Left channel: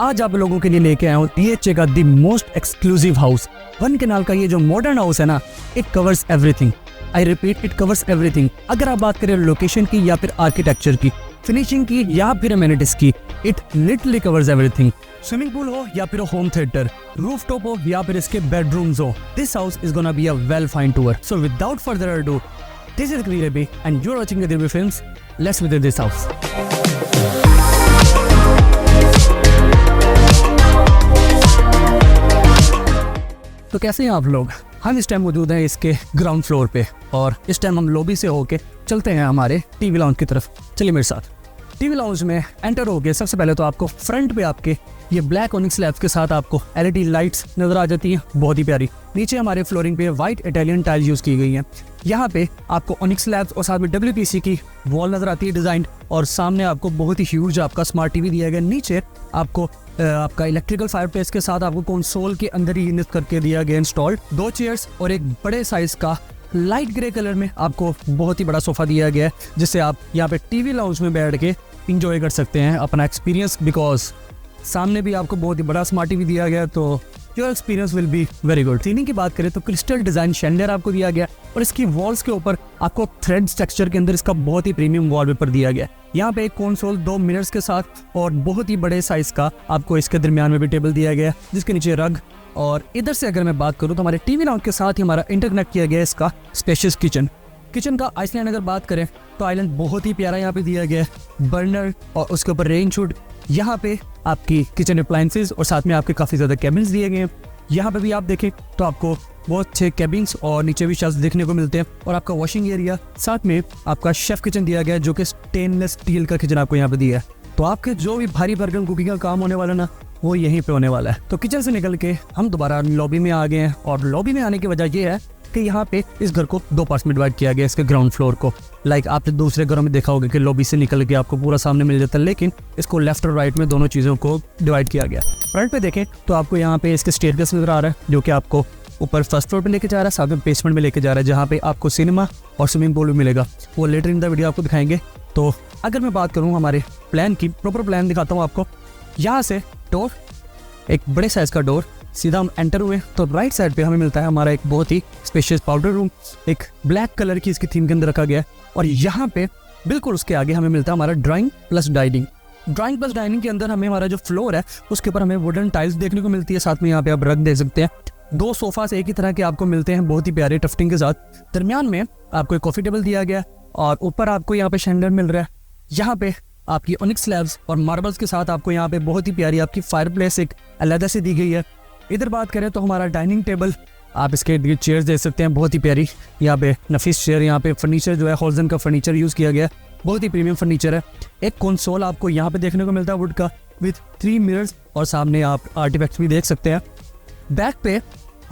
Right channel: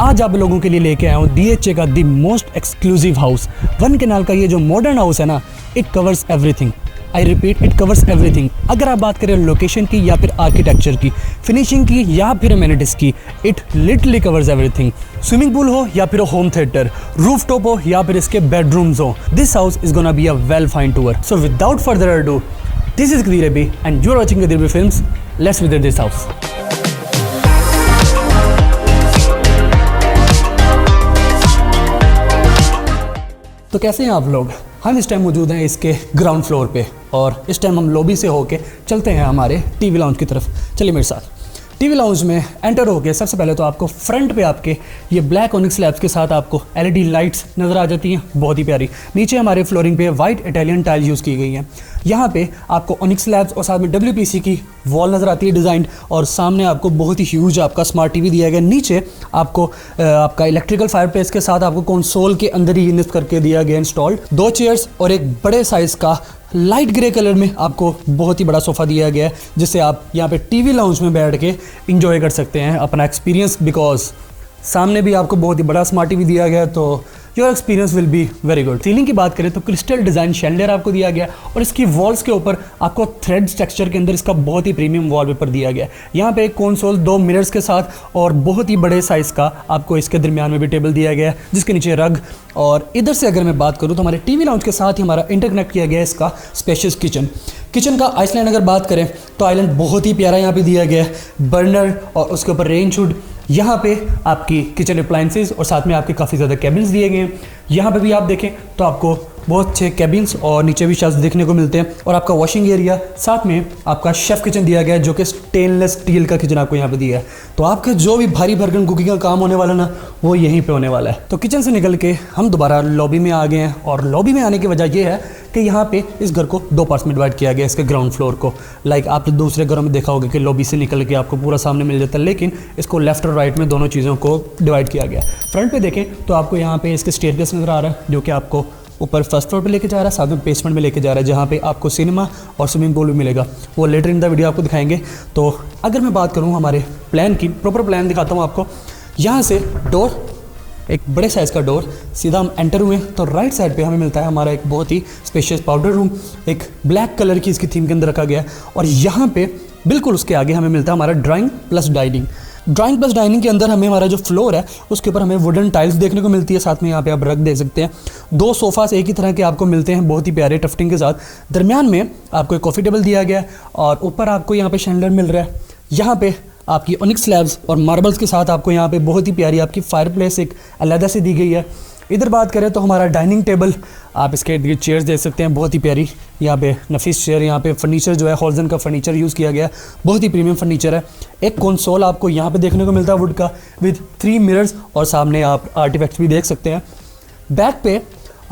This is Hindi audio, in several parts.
आज आप लोगों के लिए लेके आया हूँ DHA का the most exclusive house. One canal का ये जो मॉडर्न हाउस है ना, it covers everything. I repeat, it covers everything. अगर आप बात करें लोकेशन की या फिर आर्किटेक्चर की, फिनिशिंग की या फिर अमेनिटीज की, it literally covers everything. Swimming pool हो या फिर होम थिएटर, रूफटॉप हो या फिर इसके बेडरूम्स हो, this house is gonna be a well fine tour. So without further ado, this is Kadir Abi and you are watching Kadir Abi Films. Let's visit this house. तो कैसे हैं आप लोग? हम इस टाइम मौजूद हैं इसके ग्राउंड फ्लोर पे और इस टाइम हम लॉबी से होके चलते हैं हमारे टीवी लाउंज की तरफ। चलिए मेरे साथ। टीवी लाउंज में एंटर होके सबसे पहले तो आपको फ्रंट पे आपके ये ब्लैक ओनिक्स स्लैब्स के साथ आपको LED लाइट्स नज़र आ जाती हैं, बहुत ही प्यारी। नीचे हमारे फ्लोरिंग पे वाइट इटालियन टाइल यूज़ की गई हैं। यहाँ पे आपको ओनिक्स स्लैब्स और साथ में WPC की वॉल नज़र आती है डिज़ाइन, और सामने आपको बहुत ही ह्यूज आपका स्मार्ट TV दिया गया। नीचे आपको आपका इलेक्ट्रिकल फायरप्लेस के साथ आपको कंसोल के अंदर ही निस्ब करके दिया गया इंस्टॉल्ड। 2 चेयर्स और एक बड़े साइज़ का लाइट ग्रे कलर में आपको बहुत ही बड़ा सोफ़ा दिया गया है, जिससे आप यहाँ पे टीवी लाउंज में बैठ के इंजॉय कर सकते हैं अपना एक्सपीरियंस। बिकॉज सामने भी आपको बहुत ही बड़ा स्मार्ट TV दिया गया, तो your experience will be very good. Ceiling की बात करें तो क्रिस्टल डिज़ाइन शैंडलियर आपको दिया गया, और इसकी वॉल्स के ऊपर आपको थ्रेड स्ट्रक्चर के अंदर इसका बहुत ही प्रीमियम वॉलपेपर दिया गया। यहाँ पे एक कंसोल 2 मिरर्स के साथ और बहुत ही बड़े साइज़ का आपको इसके दरमियान में भी टेबल दिया गया है, जिसके नीचे रग। और इधर से अगर मैं बात करूँ तो हमारे टीवी लाउंज के साथ ही हमारा इंटरकनेक्ट किया गया है इसका स्पेशियस किचन का आइसलैंड। अगर बात करें तो आइलैंड बहुत ही प्यारा यहाँ पे दिया गया है, बर्नर और उसके ऊपर रेन शूट। यहाँ पे आपकी किचन अप्लायंसेस और साथ में आपके काफ़ी ज़्यादा कैबिन्स दिए गए हैं। यहाँ पे भी आप देखें तो आपको बहुत अच्छे कैबिन्स और नीचे भी शेल्फ्स देखने को मिलते हैं, और आपका वॉशिंग एरिया, साथ में आपका शेफ़ किचन दिया गया है, जो कि स्टेनलेस स्टील का किचन आपको यहाँ पे दिया है। तो आपका जो भी भारी भरकम कुकिंग का काम होने वाला ना, वो यहीं पे होने वाला है। तो किचन से निकल के हम दोबारा लॉबी में आ गए हैं, और लॉबी में आने की वजह ये है कि यहाँ पे इस घर को 2 पार्ट्स में डिवाइड किया गया, इसके ग्राउंड फ्लोर को। लाइक आपने दूसरे घरों में देखा होगा कि लॉबी से निकल के आपको पूरा सामने मिल जाता है, लेकिन इसको लेफ्ट और राइट में दोनों चीज़ों को डिवाइड किया गया। फ्रंट पे देखें तो आपको यहाँ पे इसके स्टेयरकेस नज़र आ रहा है, जो कि आपको ऊपर फर्स्ट फ्लोर पे लेके जा रहा है, साथ में बेसमेंट में लेके जा रहा है, जहाँ पे आपको सिनेमा और स्विमिंग पूल भी मिलेगा। वो लेटर इन द वीडियो आपको दिखाएंगे। तो अगर मैं बात करूँ हमारे प्लान की, प्रॉपर प्लान दिखाता हूँ आपको। यहाँ से डोर, एक बड़े साइज़ का डोर, सीधा हम एंटर हुए तो राइट साइड पे हमें मिलता है हमारा एक बहुत ही स्पेशियस पाउडर रूम, एक ब्लैक कलर की इसकी थीम के अंदर रखा गया। और यहाँ पे बिल्कुल उसके आगे हमें मिलता है हमारा drawing plus dining. Drawing plus dining के अंदर हमें हमारा जो फ्लोर है उसके ऊपर हमें वुडन टाइल्स देखने को मिलती है, साथ में यहाँ पे आप रख दे सकते हैं। 2 सोफ़ास एक ही तरह के आपको मिलते हैं, बहुत ही प्यारे टफ्टिंग के साथ। दरमियान में आपको एक कॉफ़ी टेबल दिया गया है, और ऊपर आपको यहाँ पे शैंडलियर मिल रहा है। यहाँ पे आपकी ओनिक्स स्लैब्स और मार्बल्स के साथ आपको यहाँ पे बहुत ही प्यारी आपकी फायरप्लेस एक अलग से दी गई है। इधर बात करें तो हमारा डाइनिंग टेबल, आप इसके चेयर्स देख सकते हैं, बहुत ही प्यारी यहाँ पे नफीस चेयर। यहाँ पे फर्नीचर जो है हॉल्जन का फर्नीचर यूज़ किया गया है, बहुत ही प्रीमियम फर्नीचर है। एक कंसोल आपको यहाँ पे देखने को मिलता है वुड का, विद 3 मिरर्स, और सामने आप आर्टिफैक्ट्स भी देख सकते हैं। बैक पे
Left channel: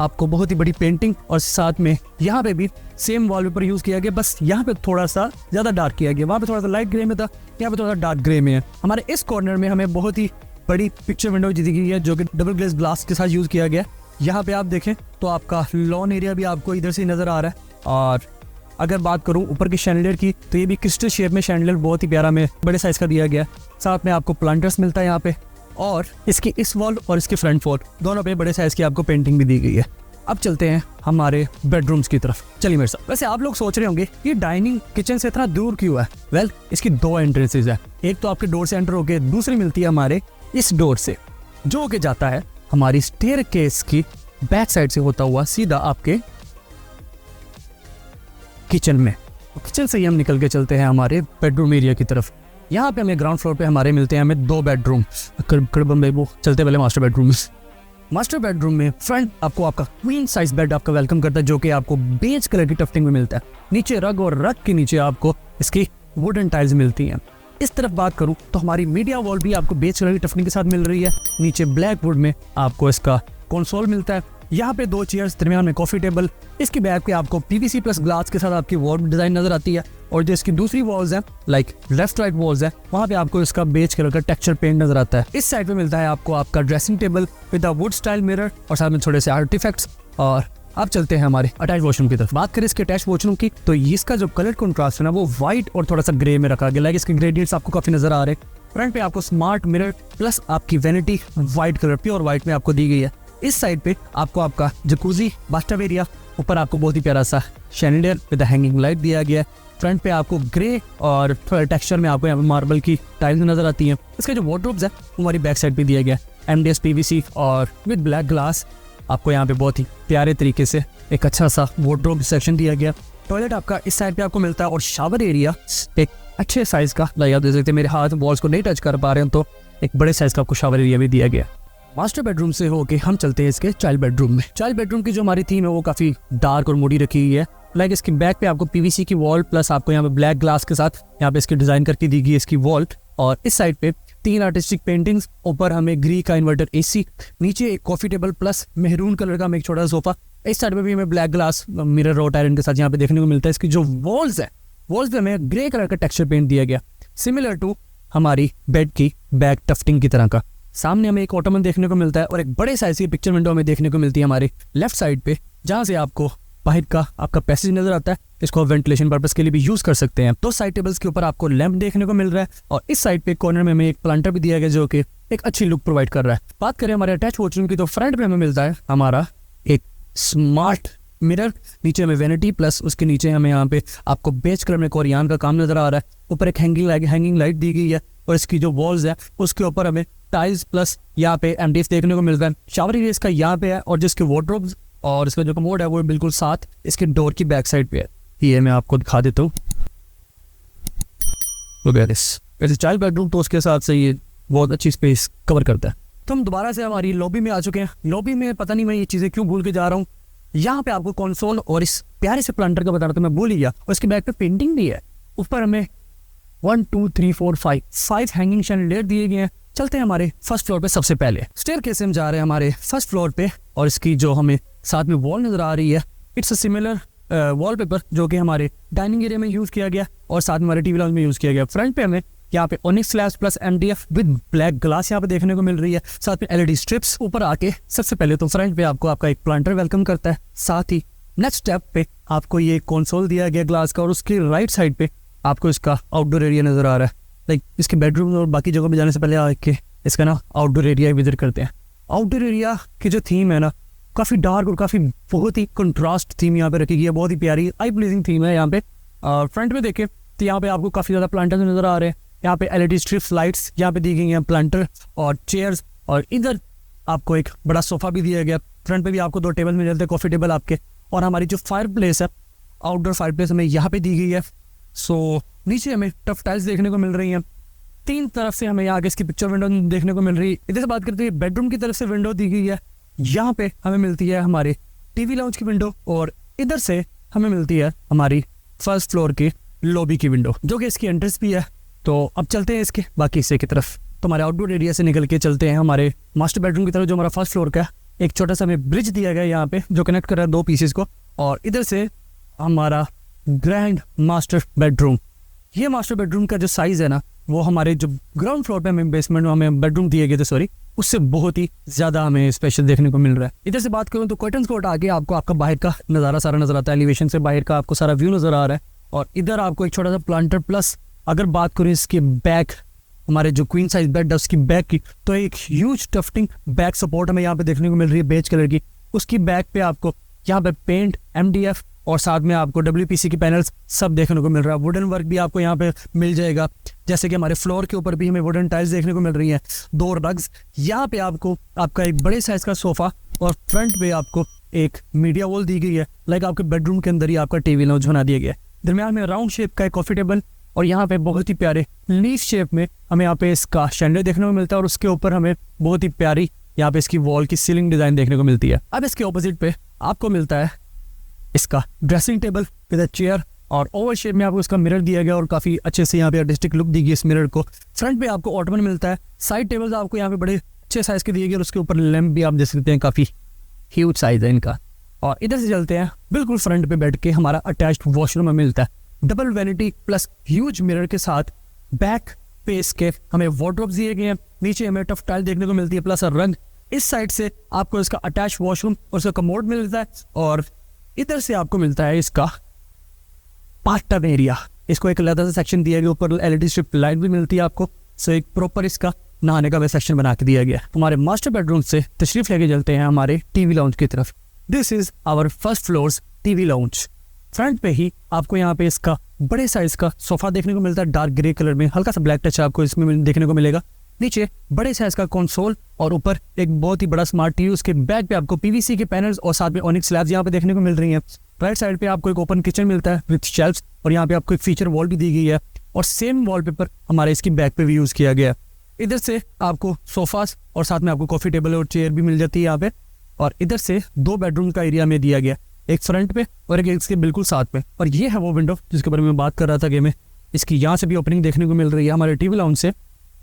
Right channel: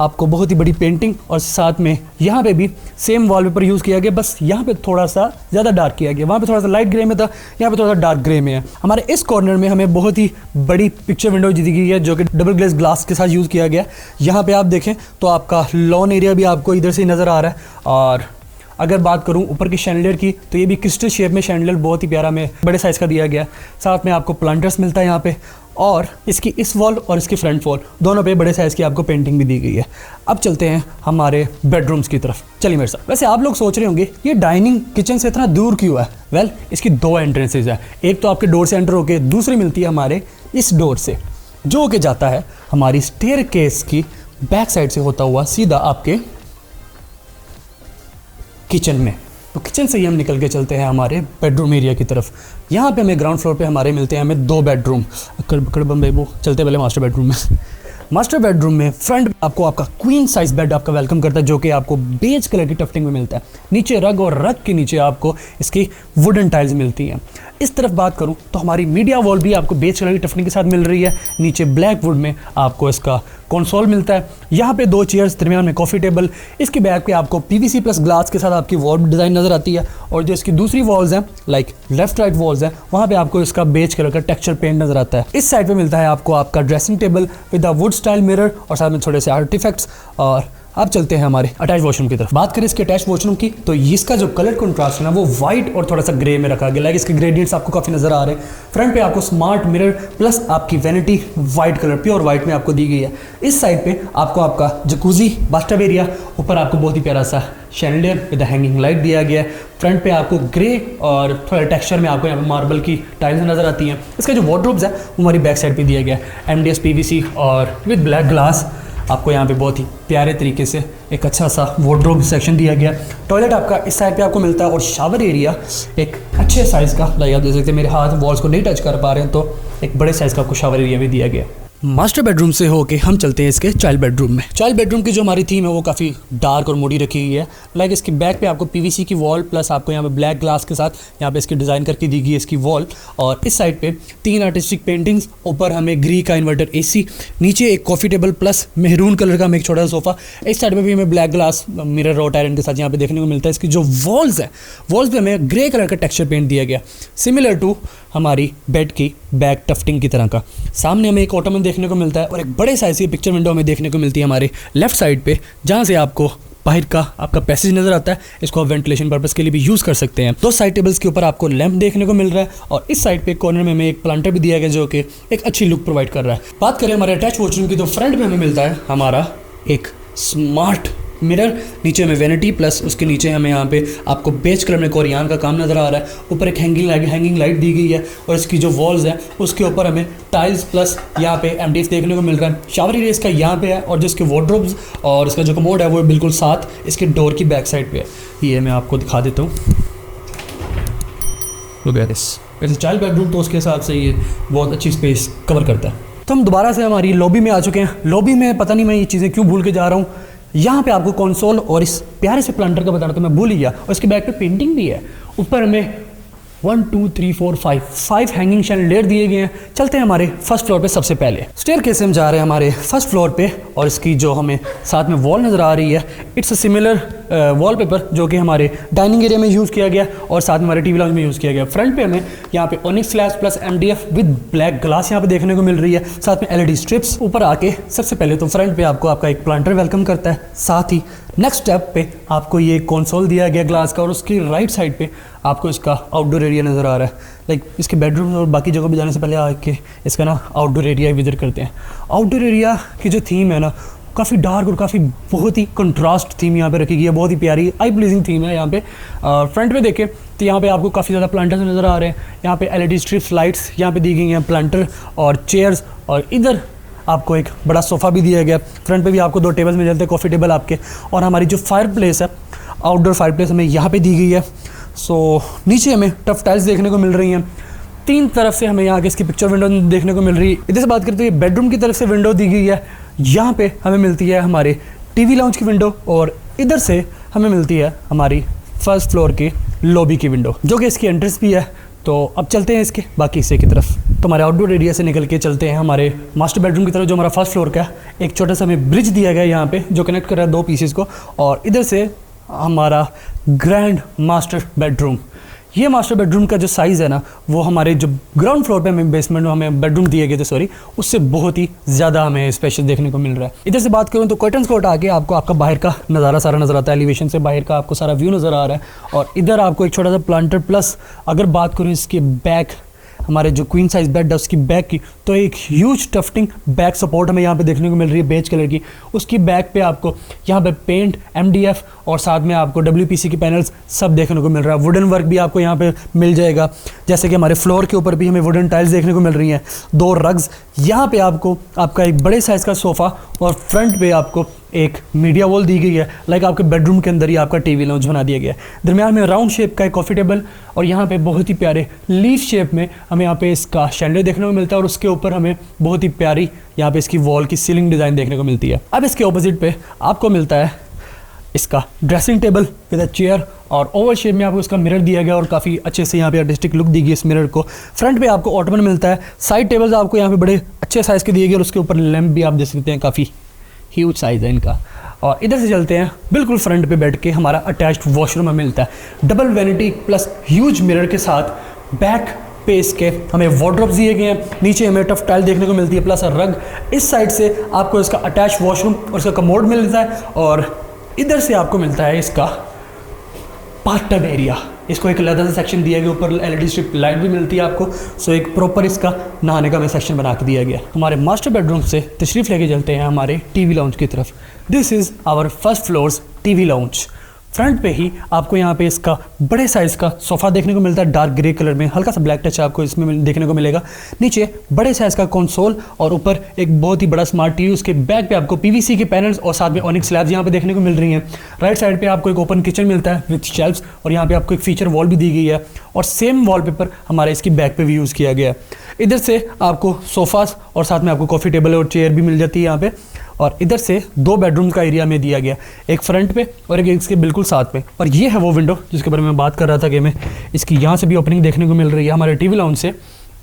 आपको बहुत ही बड़ी पेंटिंग, और साथ में यहाँ पे भी सेम वॉलपेपर यूज़ किया गया, बस यहाँ पे थोड़ा सा ज़्यादा डार्क किया गया। वहाँ पे थोड़ा सा लाइट ग्रे में था, यहाँ पे थोड़ा सा डार्क ग्रे में है। हमारे इस कॉर्नर में हमें बहुत ही बड़ी पिक्चर विंडो दी गई है, जो कि डबल ग्लेस ग्लास के साथ यूज़ किया गया। यहाँ पे आप देखें तो आपका लॉन एरिया भी आपको इधर से नज़र आ रहा है। और अगर बात करूँ ऊपर की शैंडलियर की, तो ये भी क्रिस्टल शेप में शैंडलियर बहुत ही प्यारा में बड़े साइज़ का दिया गया है। साथ में आपको प्लांटर्स मिलता है यहाँ पे, और इसकी इस वॉल और इसकी फ्रंट वॉल दोनों पे बड़े साइज़ की आपको पेंटिंग भी दी गई है। अब चलते हैं हमारे बेडरूम्स की तरफ। चलिए मेरे साथ। वैसे आप लोग सोच रहे होंगे ये डाइनिंग किचन से इतना दूर क्यों है? वेल, इसकी 2 एंट्रेंसेज है। एक तो आपके डोर से एंटर होके, दूसरी मिलती है हमारे इस डोर से, जो होके जाता है हमारी स्टेयरकेस की बैक साइड से होता हुआ सीधा आपके किचन में। तो किचन से ही हम निकल के चलते हैं हमारे बेडरूम एरिया की तरफ। यहाँ पे हमें ग्राउंड फ्लोर पे हमारे मिलते हैं हमें 2 बेडरूम। चलते पहले मास्टर बेडरूम में। मास्टर बेडरूम में फ्रंट आपको आपका क्वीन साइज बेड आपका वेलकम करता है, जो कि आपको बेज कलर की टफ्टिंग में मिलता है। नीचे रग, और रग के नीचे आपको इसकी वुडन टाइल्स मिलती हैं। इस तरफ बात करूं तो हमारी मीडिया वॉल भी आपको बेज कलर की टफ्टिंग के साथ मिल रही है। नीचे ब्लैक वुड में आपको इसका कंसोल मिलता है। यहाँ पे 2 चेयर्स, दरमियान में कॉफ़ी टेबल। इसके बैक पे आपको PVC प्लस ग्लास के साथ आपकी वॉल डिज़ाइन नज़र आती है, और जो इसकी दूसरी वॉल्स हैं, लाइक लेफ्ट राइट वॉल्स हैं, वहाँ पे आपको इसका बेज कलर का टेक्सचर पेंट नज़र आता है। इस साइड पे मिलता है आपको आपका dressing table with a wood style mirror, और साथ में थोड़े से आर्टिफैक्ट्स। और अब चलते हैं हमारे अटैच वॉशरूम की तरफ। बात करें इसके अटैच वॉशरूम की तो इसका जो कलर कंट्रास्ट है ना वो वाइट और थोड़ा सा ग्रे में रखा गया। लाइक इसके ग्रेडियंट्स आपको काफ़ी नज़र आ रहे हैं। फ्रंट पे आपको स्मार्ट मिरर प्लस आपकी vanity white colour pure white में आपको दी गई है। इस साइड पे आपको आपका जकूजी बाथटब एरिया, ऊपर आपको बहुत ही प्यारा सा शैंडलियर विद हैंगिंग लाइट दिया गया है। फ्रंट पे आपको ग्रे और थोड़ा टेक्सचर में आपको यहाँ पे मार्बल की टाइल्स नज़र आती हैं। इसका जो वार्डरोब्स है वो हमारी बैक साइड पे दिया गया है। MDF PVC और विद ब्लैक ग्लास आपको यहाँ पे बहुत ही प्यारे तरीके से एक अच्छा सा वार्डरोब सेक्शन दिया गया। टॉयलेट आपका इस साइड पे आपको मिलता है और शावर एरिया एक अच्छे साइज़ का, लाइक आप देख सकते हैं मेरे हाथ वॉल्स को नहीं टच कर पा रहे हैं तो एक बड़े साइज़ का आपको शावर एरिया भी दिया गया। मास्टर बेडरूम से होके हम चलते हैं इसके चाइल्ड बेडरूम में। चाइल्ड बेडरूम की जो हमारी थीम है वो काफ़ी डार्क और मोड़ी रखी हुई है। लाइक इसकी बैक पे आपको PVC की वॉल प्लस आपको यहाँ पे ब्लैक ग्लास के साथ यहाँ पे इसकी डिज़ाइन करके दी गई है इसकी वॉल। और इस साइड पे 3 आर्टिस्टिक पेंटिंग्स, ऊपर हमें ग्री का इन्वर्टर AC, नीचे एक coffee table plus maroon colour का हमें एक छोटा सा सोफ़ा। इस साइड में भी हमें black glass mirror road iron के साथ यहाँ पे देखने को मिलता है। इसकी जो वॉल्स है वॉल्स पे हमें ग्रे कलर का टेक्सचर पेंट दिया गया, सिमिलर टू हमारी बेड की बैक टफ्टिंग की तरह का। सामने हमें एक ऑटोमन देखने को मिलता है और एक बड़े साइज की पिक्चर विंडो हमें देखने को मिलती है हमारे लेफ्ट साइड पे, जहाँ से आपको बाहर का आपका पैसेज नज़र आता है। इसको आप वेंटिलेशन पर्पस के लिए भी यूज़ कर सकते हैं। 2 साइड टेबल्स के ऊपर आपको लैंप देखने को मिल रहा है और इस साइड पे कॉर्नर में हमें एक प्लांटर भी दिया गया जो कि एक अच्छी लुक प्रोवाइड कर रहा है। बात करें हमारे अटैच वॉशरूम की तो फ्रंट में हमें मिलता है हमारा एक स्मार्ट मिरर, नीचे हमें वैनिटी प्लस उसके नीचे हमें यहाँ पे आपको बेज कलर में कोरियान का काम नज़र आ रहा है। ऊपर एक हैंगिंग लाइट दी गई है और इसकी जो वॉल्स है उसके ऊपर हमें टाइल्स प्लस यहाँ पे MDF देखने को मिल रहा है। शावर एरिया इसका यहाँ पे है और जिसके वार्डरोब्स और इसका जो कमोड है वो बिल्कुल साथ इसके डोर की बैक साइड पे है। ये मैं आपको दिखा देता हूँ। वैसे चाइल्ड बेडरूम तो उसके हिसाब से ये बहुत अच्छी स्पेस कवर करता है। तो हम दोबारा से हमारी लॉबी में आ चुके हैं। लॉबी में पता नहीं मैं ये चीज़ें क्यों भूल के जा रहा हूँ। यहाँ पे आपको कंसोल और इस प्यारे से प्लांटर का बता रहा था मैं भूल ही गया, और इसके बैक पे पेंटिंग भी है। ऊपर हमें 1 2 3 4 5 हैंगिंग शैंडलियर दिए गए हैं। चलते हैं हमारे फर्स्ट फ्लोर पे। सबसे पहले स्टेयरकेस से हम जा रहे हैं हमारे फर्स्ट फ्लोर पे और इसकी जो हमें साथ में वॉल नज़र आ रही है इट्स अ सिमिलर वॉलपेपर जो कि हमारे डाइनिंग एरिया में यूज़ किया गया और साथ में हमारे टीवी लाउंज में यूज़ किया गया। फ्रंट पे हमें यहाँ पे onyx slabs plus MDF with black glass यहाँ पे देखने को मिल रही है, साथ में LED स्ट्रिप्स। ऊपर आके सबसे पहले तो फ्रंट पे आपको आपका एक प्लांटर वेलकम करता है, साथ ही नेक्स्ट स्टेप पे आपको ये कंसोल दिया गया ग्लास का और उसकी राइट साइड पे आपको इसका आउटडोर एरिया नज़र आ रहा है। लाइक इसके बेडरूम और बाकी जगह पे जाने से पहले आके इसका ना आउटडोर एरिया विजिट करते हैं। आउटडोर एरिया की जो थीम है ना काफ़ी डार्क और काफ़ी बहुत ही कंट्रास्ट थीम यहाँ पे रखी गई है। बहुत ही प्यारी आई प्लीजिंग थीम है यहाँ पे। फ्रंट पे देखें तो यहाँ पे आपको काफ़ी ज़्यादा प्लांटर्स नज़र आ रहे हैं। यहाँ पे LED स्ट्रिप्स लाइट्स यहाँ पे दी गई हैं, प्लांटर और चेयर्स, और इधर आपको एक बड़ा सोफ़ा भी दिया गया। फ्रंट पे भी आपको 2 टेबल्स मिल जाते हैं, कॉफ़ी टेबल आपके। और हमारी जो फायर प्लेस है आउटडोर फायर प्लेस हमें यहाँ पे दी गई है। सो नीचे हमें टफ टाइल्स देखने को मिल रही हैं। 3 तरफ से हमें यहाँ के इसकी पिक्चर विंडो देखने को मिल रही है। इधर से बात करते हैं बेडरूम की तरफ से विंडो दी गई है। यहाँ पे हमें मिलती है हमारे टीवी लाउंज की विंडो और इधर से हमें मिलती है हमारी फर्स्ट फ्लोर की लॉबी की विंडो जो कि इसकी एंट्रेंस भी है। तो अब चलते हैं इसके बाकी हिस्से की तरफ। तो हमारे आउटडोर एरिया से निकल के चलते हैं हमारे मास्टर बेडरूम की तरफ जो हमारा फर्स्ट फ्लोर का एक छोटा सा हमें ब्रिज दिया गया है यहाँ पे जो कनेक्ट कर रहा है 2 पीसेस को। और इधर से हमारा ग्रैंड मास्टर बेडरूम, ये मास्टर बेडरूम का जो साइज़ है ना वो हमारे जो ग्राउंड फ्लोर पे हमें बेसमेंट में हमें बेडरूम दिए गए थे सॉरी, उससे बहुत ही ज़्यादा हमें स्पेशल देखने को मिल रहा है। इधर से बात करूँ तो कर्टन्स को हटा के आपको आपका बाहर का नज़ारा सारा नज़र आता है। एलिवेशन से बाहर का आपको सारा व्यू नज़र आ रहा है। और इधर आपको एक छोटा सा प्लांटर प्लस अगर बात करूँ इसके बैक हमारे जो क्वीन साइज बेड है उसकी बैक की, तो एक ह्यूज टफ्टिंग बैक सपोर्ट हमें यहाँ पे देखने को मिल रही है बेज कलर की। उसकी बैक पे आपको यहाँ पे पेंट MDF और साथ में आपको WPC की पैनल्स सब देखने को मिल रहा है। वुडन वर्क भी आपको यहाँ पे मिल जाएगा, जैसे कि हमारे फ्लोर के ऊपर भी हमें वुडन टाइल्स देखने को मिल रही हैं। 2 रग्स, यहाँ पे आपको आपका एक बड़े साइज़ का सोफ़ा और फ्रंट पे आपको एक मीडिया वॉल दी गई है। लाइक आपके बेडरूम के अंदर ही आपका टीवी लाउंज बना दिया गया है। दरमियान में राउंड शेप का एक कॉफ़ी टेबल और यहाँ पे बहुत ही प्यारे लीफ शेप में हमें यहाँ पे इसका शैंडलियर देखने को मिलता है और उसके ऊपर हमें बहुत ही प्यारी यहाँ पे इसकी वॉल की सीलिंग डिज़ाइन देखने को मिलती है। अब इसके ऑपोजिट पे आपको मिलता है इसका dressing table with a chair और ओवल शेप में आपको इसका मिरर दिया गया और काफ़ी अच्छे से यहाँ पे आर्टिस्टिक लुक दी गई इस मिरर को। फ्रंट पे आपको ऑटोमन मिलता है। साइड टेबल्स आपको यहाँ पे बड़े अच्छे साइज़ के दिए गए और उसके ऊपर लैंप भी आप देख सकते हैं, काफ़ी ह्यूज साइज़ है इनका। और इधर से चलते हैं बिल्कुल फ्रंट पे बैठ के हमारा अटैच्ड वॉशरूम में मिलता है। Double vanity plus huge mirror के साथ बैक पे इसके हमें वार्डरोब्स दिए गए हैं, नीचे हमें टफ टाइल देखने को मिलती है प्लस रंग। इस साइड से आपको इसका अटैच वॉशरूम और इसका कमोड मिलता है, और इधर से आपको मिलता है इसका बाथटब एरिया। इसको एक अलग से सेक्शन दिया गया, ऊपर एलईडी स्ट्रिप लाइट भी मिलती है आपको। सो एक प्रॉपर इसका नहाने का भी सेक्शन बना के दिया गया। हमारे मास्टर बेडरूम से तशरीफ़ लेके चलते हैं हमारे टीवी लाउंज की तरफ। This is our first floor's TV lounge. Front पे ही आपको यहाँ पे इसका बड़े साइज़ का सोफ़ा देखने को मिलता है, डार्क ग्रे कलर में, हल्का सा ब्लैक टच आपको इसमें देखने को मिलेगा। नीचे बड़े साइज़ का कंसोल और ऊपर एक बहुत ही बड़ा स्मार्ट टीवी। उसके बैक पे आपको पीवीसी के पैनल्स और साथ में ऑनिक्स स्लैब्स यहाँ पे देखने को मिल रही हैं। राइट साइड पे आपको एक ओपन किचन मिलता है विथ शेल्फ्स, और यहाँ पे आपको एक फीचर वॉल भी दी गई है, और सेम वॉलपेपर हमारे इसकी बैक पे भी यूज़ किया गया है। इधर से आपको सोफ़ास और साथ में आपको कॉफ़ी टेबल और चेयर भी मिल जाती है यहाँ पे। और इधर से 2 बेडरूम का एरिया में दिया गया, एक फ्रंट पे और एक इसके बिल्कुल साथ में। और ये है वो विंडो जिसके बारे में बात कर रहा था कि हमें इसकी यहाँ से भी ओपनिंग देखने को मिल रही है हमारे टीवी लाउंज से।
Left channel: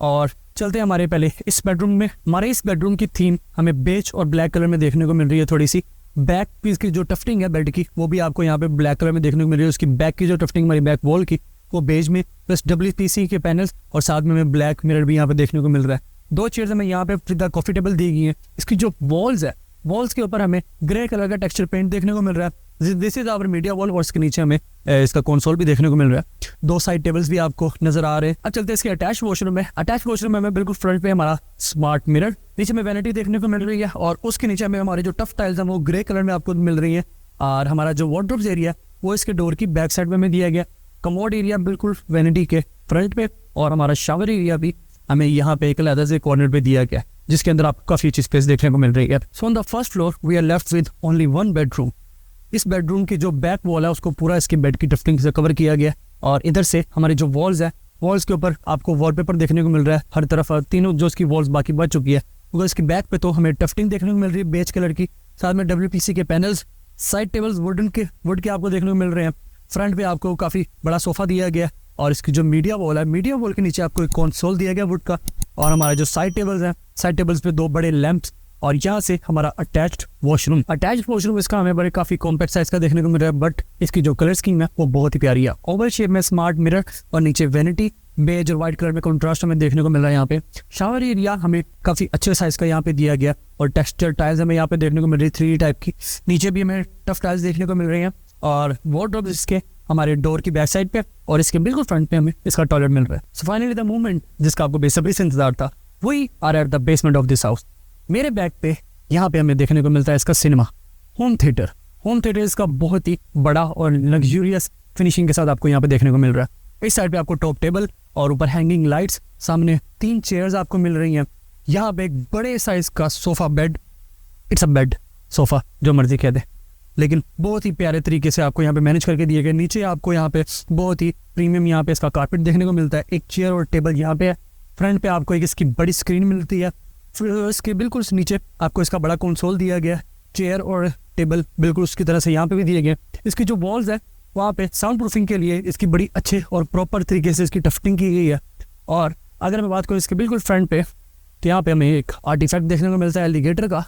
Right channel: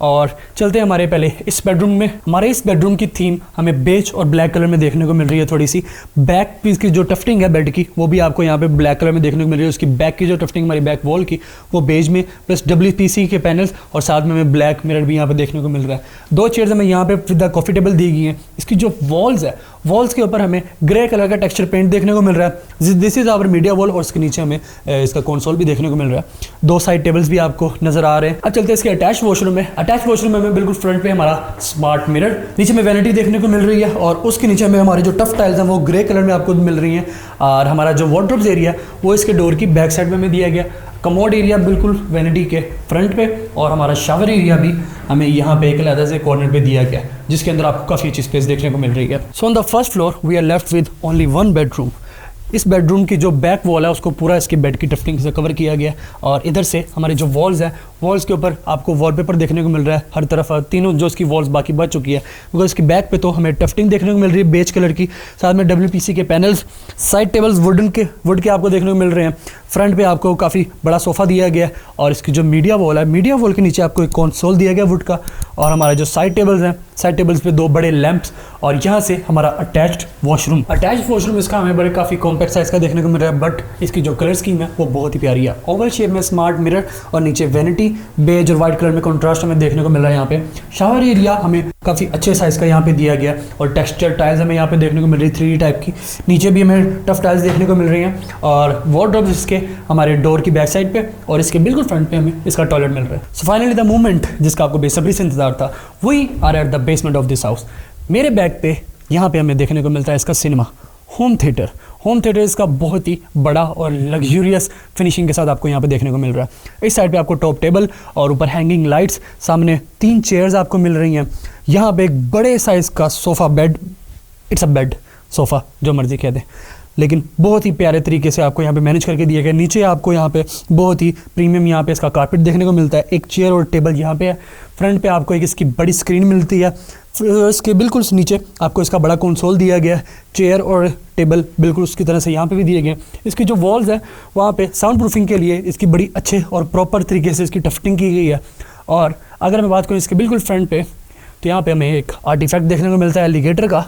और चलते हैं हमारे पहले इस बेडरूम में। हमारे इस बेडरूम की थीम हमें बेज और ब्लैक कलर में देखने को मिल रही है थोड़ी सी। बैक पीस की जो टफ्टिंग है बेड की, वो भी आपको यहाँ पे ब्लैक कलर में देखने को मिल रही है। उसकी बैक की जो टफ्टिंग हमारी बैक वॉल की, वो बेज में, प्लस WPC के पैनल्स और साथ में हमें ब्लैक मिरर भी यहाँ पे देखने को मिल रहा है। 2 चेयर्स हमें यहाँ पे विद कॉफ़ी टेबल दी गई है। इसकी जो वॉल्स है, वॉल्स के ऊपर हमें ग्रे कलर का टेक्सचर पेंट देखने को मिल रहा है। This is our media wall, और इसके नीचे हमें इसका कंसोल भी देखने को मिल रहा है। 2 साइड टेबल्स भी आपको नजर आ रहे हैं। अब चलते हैं इसके अटैच वॉशरूम में। अटैच वॉशरूम में हमें बिल्कुल फ्रंट पे हमारा स्मार्ट मिरर, नीचे में वैनिटी देखने को मिल रही है, और उसके नीचे में हमारे जो टफ टाइल्स हैं वो ग्रे कलर में आपको मिल रही हैं। और हमारा जो वार्डरोब्स एरिया वो इसके डोर की बैक साइड में हमें दिया गया। कमोड एरिया बिल्कुल वैनिटी के फ्रंट पे, और हमारा शावर एरिया भी हमें यहाँ पे एक अलग से कॉर्नर पे दिया गया, जिसके अंदर आपको काफ़ी अच्छी स्पेस देखने को मिल रही है। So on the first floor we are left with only 1 bedroom. इस बेडरूम की जो बैक वॉल है उसको पूरा इसके बेड की टफ्टिंग से कवर किया गया, और इधर से हमारी जो वॉल्स है, वॉल्स के ऊपर आपको वॉलपेपर देखने को मिल रहा है हर तरफ। तीनों जो इसकी वॉल्स बाकी बच चुकी है, बिकॉज इसकी बैक पे तो हमें टफ्टिंग देखने को मिल रही है बेज कलर की, साथ में WPC के पैनल्स, साइड टेबल्स वुड के आपको देखने को मिल रहे हैं। फ्रंट पे आपको काफ़ी बड़ा सोफ़ा दिया गया है, और इसकी जो मीडिया वॉल है, मीडिया वॉल के नीचे आपको एक कंसोल दिया गया वुड का, और हमारे जो साइड टेबल्स हैं, साइड टेबल्स पे 2 बड़े लैंप्स, और यहाँ से हमारा अटैच्ड वॉशरूम इसका हमें बड़े काफ़ी कॉम्पैक्ट साइज़ का देखने को मिल रहा है, बट इसकी जो कलर स्कीम है वो बहुत ही प्यारी है। ओवल शेप में स्मार्ट मिरर, और नीचे वैनिटी बेज और वाइट कलर में कंट्रास्ट हमें देखने को मिल रहा है। यहाँ पे शावर एरिया हमें काफ़ी अच्छे साइज़ का यहाँ पे दिया गया, और टेक्सचर टाइल्स हमें यहाँ पे देखने को मिल रही है 3D टाइप की। नीचे भी हमें टफ टाइल्स देखने को मिल रही हैं, और वार्डरोब्स इसके हमारे डोर की बैक साइड पे, और इसके बिल्कुल फ्रंट पे हमें इसका टॉयलेट मिल रहा है। सो फाइनली द मोमेंट जिसका आपको बेसब्री से इंतजार था, वही are at the basement of this house. मेरे बैक पे यहाँ पे हमें देखने को मिलता है इसका सिनेमा होम थिएटर इसका बहुत ही बड़ा और लग्जूरियस फिनिशिंग के साथ आपको यहाँ पे देखने को मिल रहा है। इस साइड पे आपको टॉप टेबल और ऊपर हैंगिंग लाइट्स, सामने 3 चेयर्स आपको मिल रही हैं। यहाँ पे एक बड़े साइज़ का sofa bed, it's a bed sofa जो मर्जी कह दे, लेकिन बहुत ही प्यारे तरीके से आपको यहाँ पे मैनेज करके दिए गए। नीचे आपको यहाँ पे बहुत ही प्रीमियम यहाँ पे इसका कारपेट देखने को मिलता है। एक चेयर और टेबल यहाँ पे है। फ्रंट पे आपको एक इसकी बड़ी स्क्रीन मिलती है, फिर इसके बिल्कुल नीचे आपको इसका बड़ा कंसोल दिया गया है। चेयर और टेबल बिल्कुल उसकी तरह से यहाँ पे भी दिए गए। इसकी जो वॉल्स है वहाँ पे साउंड प्रूफिंग के लिए इसकी बड़ी अच्छे और प्रॉपर तरीके से इसकी टफ्टिंग की गई है। और अगर मैं बात करूँ इसके बिल्कुल फ्रंट पे, तो यहाँ पे हमें एक आर्टिफैक्ट देखने को मिलता है एलिगेटर का।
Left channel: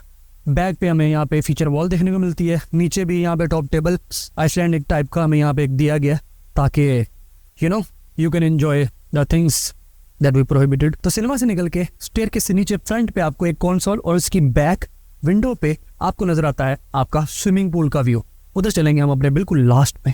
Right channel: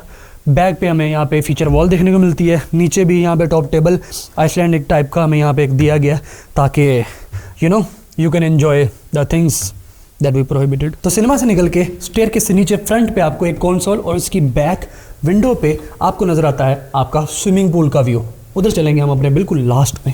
बैक पे हमें यहाँ पे फीचर वॉल देखने को मिलती है। नीचे भी यहाँ पे टॉप टेबल आइसलैंडिक टाइप का हमें यहाँ पे एक दिया गया, ताकि you can enjoy the things that we prohibited. तो सिनेमा से निकल के स्टेयरकेस से नीचे फ्रंट पे आपको एक कंसोल, और इसकी बैक विंडो पे आपको नज़र आता है आपका स्विमिंग पूल का व्यू। उधर चलेंगे हम अपने बिल्कुल लास्ट में।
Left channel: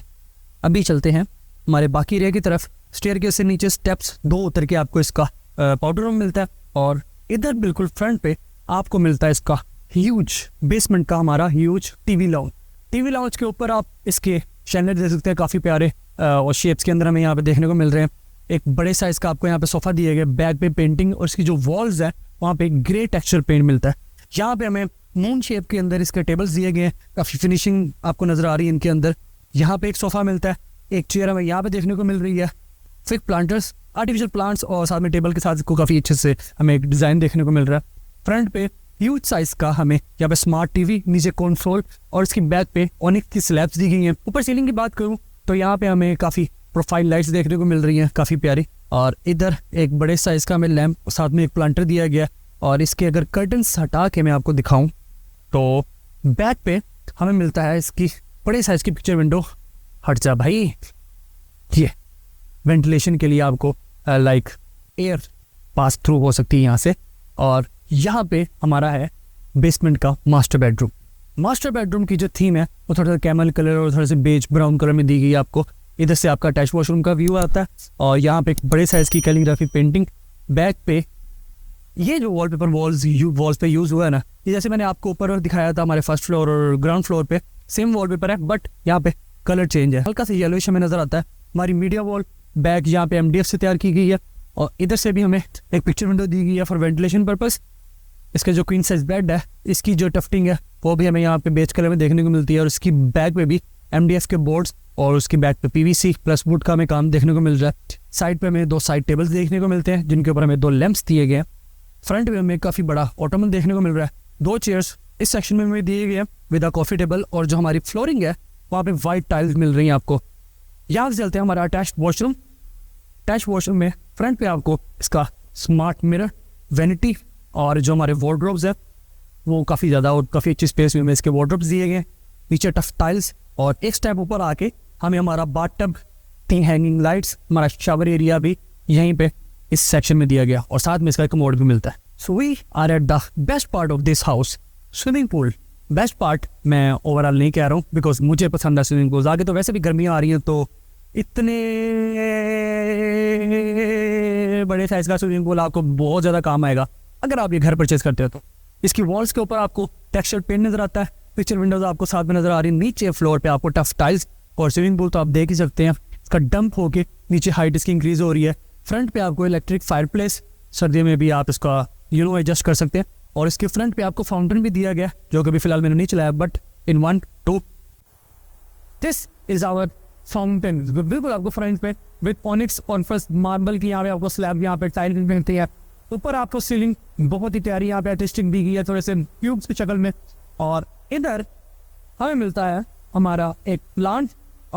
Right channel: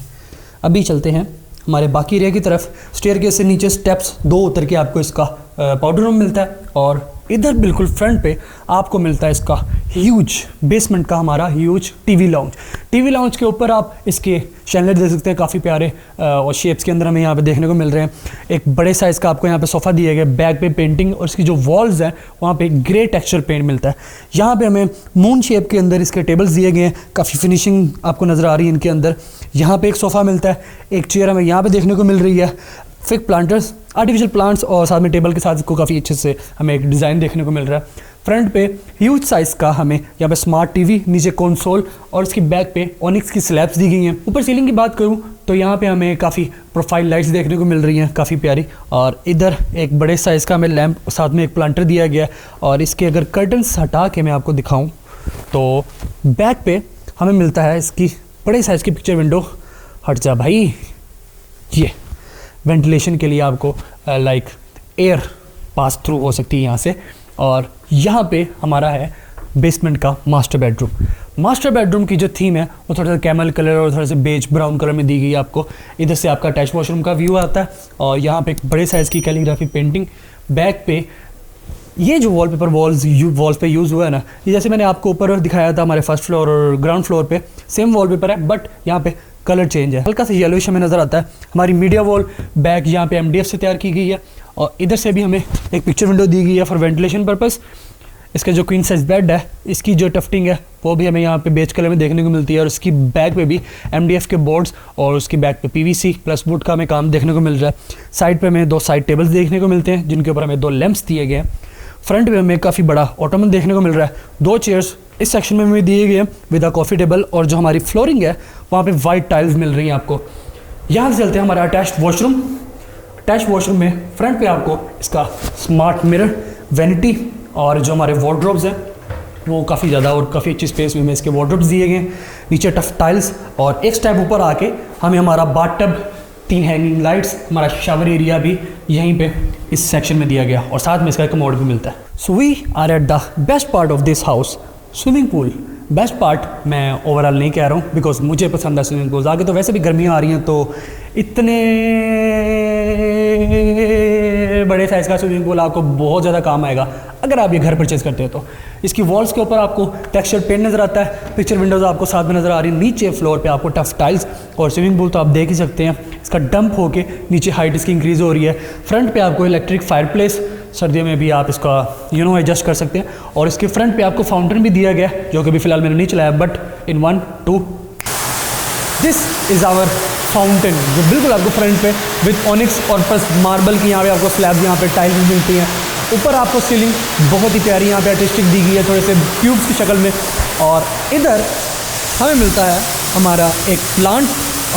अभी चलते हैं हमारे बाकी एरिया की तरफ। स्टेयरकेस से नीचे स्टेप्स 2 उतर के आपको इसका पाउडर रूम मिलता है, और इधर बिल्कुल फ्रंट पे आपको मिलता है इसका ह्यूज बेसमेंट का हमारा ह्यूज टीवी लाउंज के ऊपर आप इसके शैनलेट देख सकते हैं, काफ़ी प्यारे और शेप्स के अंदर हमें यहाँ पे देखने को मिल रहे हैं। एक बड़े साइज़ का आपको यहाँ पे सोफ़ा दिया गया, बैक पे पेंटिंग, और इसकी जो वॉल्स हैं वहाँ पे ग्रे टेक्सचर पेंट मिलता है। यहाँ पे हमें मून शेप के अंदर इसके टेबल्स दिए गए हैं, काफ़ी फिनिशिंग आपको नज़र आ रही है इनके अंदर। यहाँ पे एक सोफ़ा मिलता है, एक चेयर हमें यहाँ पे देखने को मिल रही है, फिक प्लांटर्स, आर्टिफिशियल प्लांट्स, और साथ में टेबल के साथ इसको काफ़ी अच्छे से हमें एक डिज़ाइन देखने को मिल रहा है। फ्रंट पे ह्यूज साइज़ का हमें यहाँ पे स्मार्ट टीवी, नीचे कंसोल, और इसकी बैक पे ऑनिक्स की स्लैब्स दी गई हैं। ऊपर सीलिंग की बात करूँ तो यहाँ पे हमें काफ़ी प्रोफाइल लाइट्स देखने को मिल रही हैं, काफ़ी प्यारी। और इधर एक बड़े साइज़ का हमें लैंप, साथ में एक प्लांटर दिया गया है। और इसके अगर कर्टन्स हटा के मैं आपको दिखाऊँ तो बैक पे हमें मिलता है इसकी बड़े साइज़ की पिक्चर विंडो। हट जा भाई, ये वेंटिलेशन के लिए आपको लाइक एयर पास थ्रू हो सकती है यहाँ से। और यहाँ पे हमारा है बेसमेंट का मास्टर बेडरूम। मास्टर बेडरूम की जो थीम है वो थोड़ा सा कैमल कलर और थोड़ा सा बेज ब्राउन कलर में दी गई है आपको। इधर से आपका अटैच वॉशरूम का व्यू आता है और यहाँ पे एक बड़े साइज़ की कैलीग्राफी पेंटिंग। बैक पे ये जो वॉलपेपर वॉल्स पे यूज़ हुआ है ना, ये जैसे मैंने आपको ऊपर दिखाया था हमारे फर्स्ट फ्लोर और ग्राउंड फ्लोर पे सेम वॉलपेपर है, बट यहाँ पे कलर चेंज है, हल्का सा येलोइश हमें नज़र आता है। हमारी मीडिया वॉल बैक यहाँ पे MDF से तैयार की गई है और इधर से भी हमें एक पिक्चर विंडो दी गई है फॉर वेंटिलेशन पर्पज़। इसका जो क्वीन साइज बेड है, इसकी जो टफ्टिंग है वो भी हमें यहाँ पे बेज कलर में देखने को मिलती है और उसकी बैक पे भी MDF के बोर्ड्स और उसकी बैक पे PVC प्लस वुड का हमें काम देखने को मिल रहा है। साइड पे हमें 2 साइड टेबल्स देखने को मिलते हैं जिनके ऊपर हमें 2 लैंप्स दिए गए हैं। फ्रंट में हमें काफ़ी बड़ा ऑटोमन देखने को मिल रहा है। 2 चेयर्स इस सेक्शन में हमें दिए गए हैं विद अ कॉफ़ी टेबल और जो हमारी फ्लोरिंग है वहाँ पे वाइट टाइल्स मिल रही हैं आपको। यहाँ से चलते हैं हमारा अटैच्ड वॉशरूम। अटैच्ड वॉशरूम में फ्रंट पे आपको इसका स्मार्ट मिरर, वैनिटी और जो हमारे वार्डरोब्स हैं वो काफ़ी ज़्यादा और काफ़ी अच्छी स्पेस में हमें इसके वार्डरोब्स दिए गए हैं। नीचे टफ टाइल्स और एक स्टेप ऊपर आके हमें हमारा बाथटब, 3 हैंगिंग लाइट्स, हमारा शावर एरिया भी यहीं पे इस सेक्शन में दिया गया और साथ में इसका कमोड भी मिलता है। So we are at the best part of this house, swimming pool. Best part मैं ओवरऑल नहीं कह रहा हूँ बिकॉज मुझे पसंद है स्विमिंग पूल। आगे तो वैसे भी गर्मियाँ आ रही हैं तो इतने बड़े साइज़ का स्विमिंग पूल आपको बहुत ज़्यादा काम आएगा अगर आप ये घर परचेज़ करते हो तो। इसकी वॉल्स के ऊपर आपको टेक्सचर पेंट नज़र आता है, पिक्चर विंडोज़ आपको साथ में नज़र आ रही है। नीचे फ्लोर पे आपको टफ टाइल्स और स्विमिंग पूल तो आप देख ही सकते हैं, इसका डंप होके नीचे हाइट इसकी इंक्रीज़ हो रही है। फ्रंट पे आपको इलेक्ट्रिक फायरप्लेस, सर्दियों में भी आप इसका एडजस्ट कर सकते हैं और इसके फ्रंट पे आपको फाउंटेन भी दिया गया है जो कि अभी फ़िलहाल मैंने नहीं चलाया, but in 1 2 this is our fountain जो बिल्कुल आपको फ्रंट पे विद ऑनिक्स और प्लस मार्बल की यहाँ पे आपको स्लैब, यहाँ पे टाइल्स मिलती हैं। ऊपर आपको सीलिंग बहुत ही प्यारी यहाँ पे आर्टिस्टिक दी गई है थोड़े से क्यूब्स की शक्ल में। और इधर हमें मिलता है हमारा एक प्लांट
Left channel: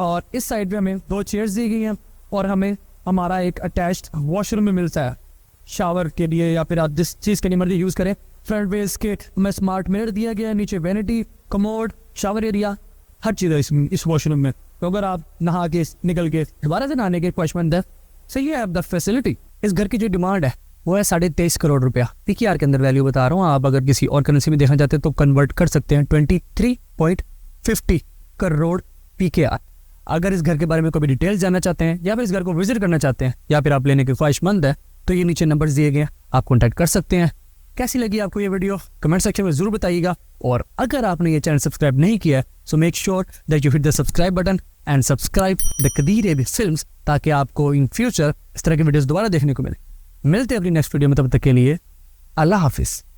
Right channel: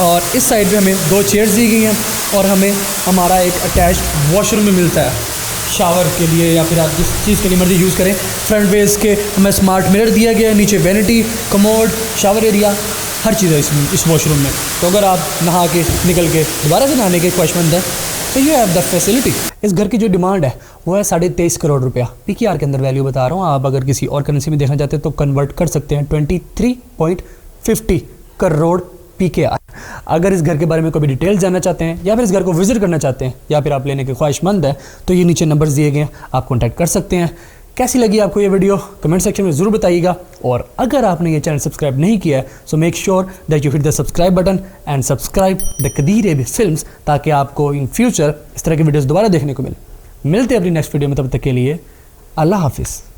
और इस साइड पे हमें 2 चेयर्स दी गई हैं और हमें हमारा एक अटैच्ड वॉशरूम में मिलता है शावर के लिए या फिर आप जिस चीज़ के लिए मर्जी यूज़ करें। फ्रंट बेस के हमें स्मार्ट मिरर दिया गया है, नीचे वैनिटी, कमोड, शावर एरिया, हर चीज़ है इस वॉशरूम में। तो अगर आप नहा के निकल के दोबारा से नहाने के ख्वाहिशमंद हैं तो यू हैव द फैसिलिटी। इस घर की जो डिमांड है वो है 23.5 करोड़ रुपया। PKR के अंदर वैल्यू बता रहा हूँ, आप अगर किसी और करेंसी में देखना चाहते हैं तो कन्वर्ट कर सकते हैं 23.50 करोड़ PKR। अगर इस घर के बारे में कोई डिटेल्स जानना चाहते हैं या फिर इस घर को विजिट करना चाहते हैं या फिर आप लेने के ख्वाहिशमंद हैं तो ये नीचे नंबर्स दिए गए हैं, आप कॉन्टैक्ट कर सकते हैं। कैसी लगी आपको ये वीडियो कमेंट सेक्शन में ज़रूर बताइएगा और अगर आपने ये चैनल सब्सक्राइब नहीं किया है so make sure that you hit the subscribe button and subscribe the Qadeer AB films ताकि आपको इन फ्यूचर इस तरह की वीडियोस दोबारा देखने को मिले। मिलते हैं अपनी नेक्स्ट वीडियो में, तब तक के लिए अल्लाह हाफिज़।